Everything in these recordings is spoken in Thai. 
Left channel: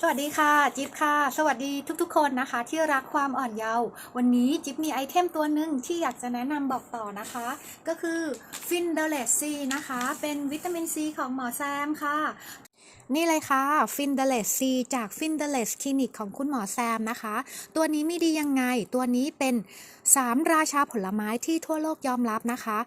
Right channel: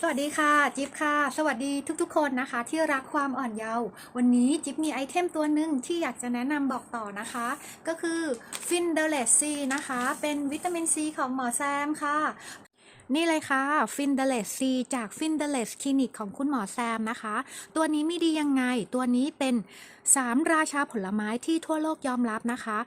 สวัสดีค่ะ จิ๊บค่ะ สวัสดีทุกๆ คนนะคะ ที่รักความอ่อนเยาว์วันนี้จิ๊บมีไอเทมตัวหนึ่งที่อยากจะแนะนำบอกต่อนะคะ ก็คือฟินเดเลสซีนะคะ เป็นวิตามินซีของหมอแซมค่ะนี่เลยค่ะฟินเดเลสซีจากฟินเดเลสคลินิกของคุณหมอแซมนะคะ ตัวนี้มีดียังไง ตัวนี้เป็น 3 ราชาผลไม้ที่ทั่วโลกยอมรับนะคะ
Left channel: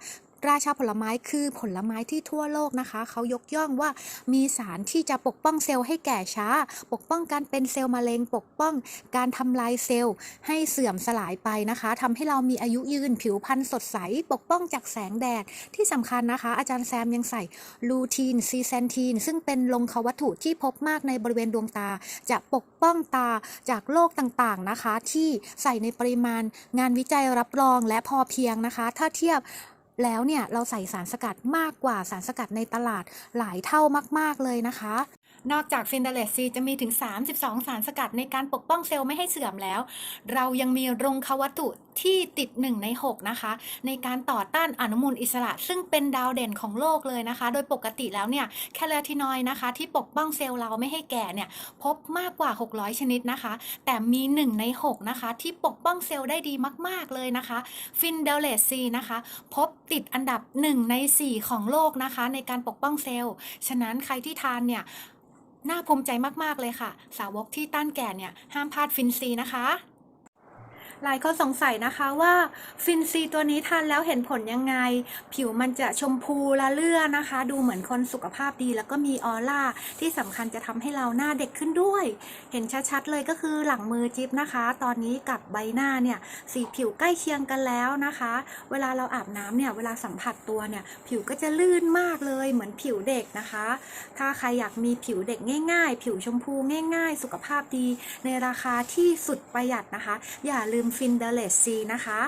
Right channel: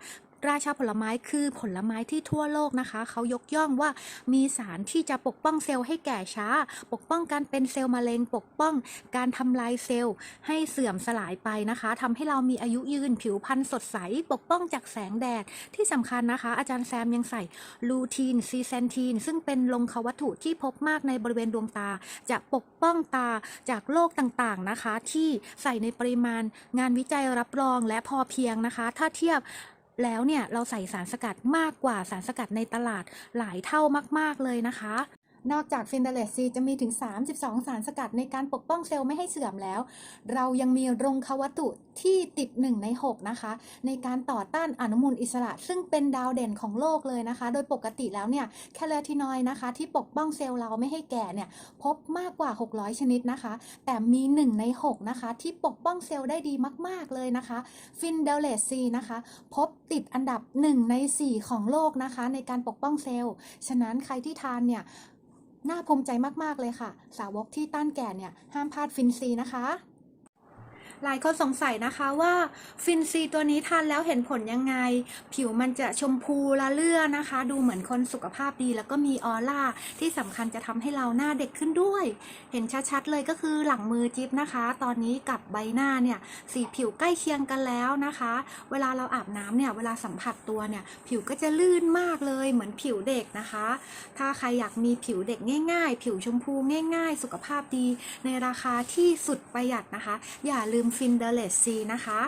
ราชาผลไม้คือผลไม้ที่ทั่วโลกนะคะ เขายกย่องว่ามีสารที่จะปกป้องเซลล์ให้แก่ช้า ปกป้องการเป็นเซลล์มะเร็ง ปกป้องการทำลายเซลล์ให้เสื่อมสลายไปนะคะทำให้เรามีอายุยืนผิวพรรณสดใส ปกป้องจากแสงแดดที่สำคัญนะคะ อาจารย์แซมยังใส่ลูทีนซีเซนทีนซึ่งเป็นลงควัตถุที่พบมากในบริเวณดวงตา จะปกป้องตาจากโรคต่างๆนะคะ ที่ใส่ในปริมาณงานวิจัยรับรองและพอเพียงนะคะ ถ้าเทียบ แล้วเนี่ยเราใส่สารสกัดมากกว่าสารสกัดในตลาดหลายเท่ามาก ๆ เลยนะคะ นอกจากฟินเดเลสซีจะมีถึง 32 สารสกัดในการปกป้องเซลล์ไม่ให้เสื่อมแล้ว เรายังมีรงควัตถุที่ติด 1 ใน 6 นะคะ ในการต่อต้านอนุมูลอิสระ ซึ่งเป็นดาวเด่นของโลกเลยนะคะ โดยปกติแล้วเนี่ยแคลาทินอยนะคะ ที่ปกป้องเซลล์เราไม่ให้แก่เนี่ยพบมากกว่า 600 ชนิดนะคะ แต่มี 1 ใน 6 นะคะ ที่ปกป้องเซลล์ได้ดีมาก ๆ เลยนะคะฟินเดเลสซีนะคะ พบติดอันดับ 1 ใน 4 ของโลกนะคะ ในการปกป้องเซลล์ ฉะนั้นใครที่ทานเนี่ยน่าภูมิใจมาก ๆ เลยค่ะ สาวกที่ต้านแก่เนี่ย ห้ามพลาดฟินซีนะคะ หลายคนสงสัยนะคะว่าฟินซีตัวนี้ทานแล้วเห็นผลยังไง ผิวมันจะชมพูละเลื่อนะคะ ดูเหมือนคนสุขภาพดีแล้วก็มีออร่าที่สำคัญจะทำให้เราหน้าเด็กขึ้นด้วย เห็นชัดๆเลยก็คือหลังมือจิ๊บนะคะ ตอนนี้กับใบหน้าเนี่ยสีผิวใกล้เคียงกันแล้วนะคะ เวลาเราอาบน้ำเนี่ยเวลาสัมผัสตัวเนี่ยผิวก็จะลื่นมากเลยเหมือนผิวเด็กนะคะ ถ้าใครอยากมีผิวเด็กง่าย ๆ ผิวชมพูง่าย ๆ สุขภาพดีในราคาที่สุดประหยัดนะคะ อย่าลืมฟินเดเลสซีนะคะ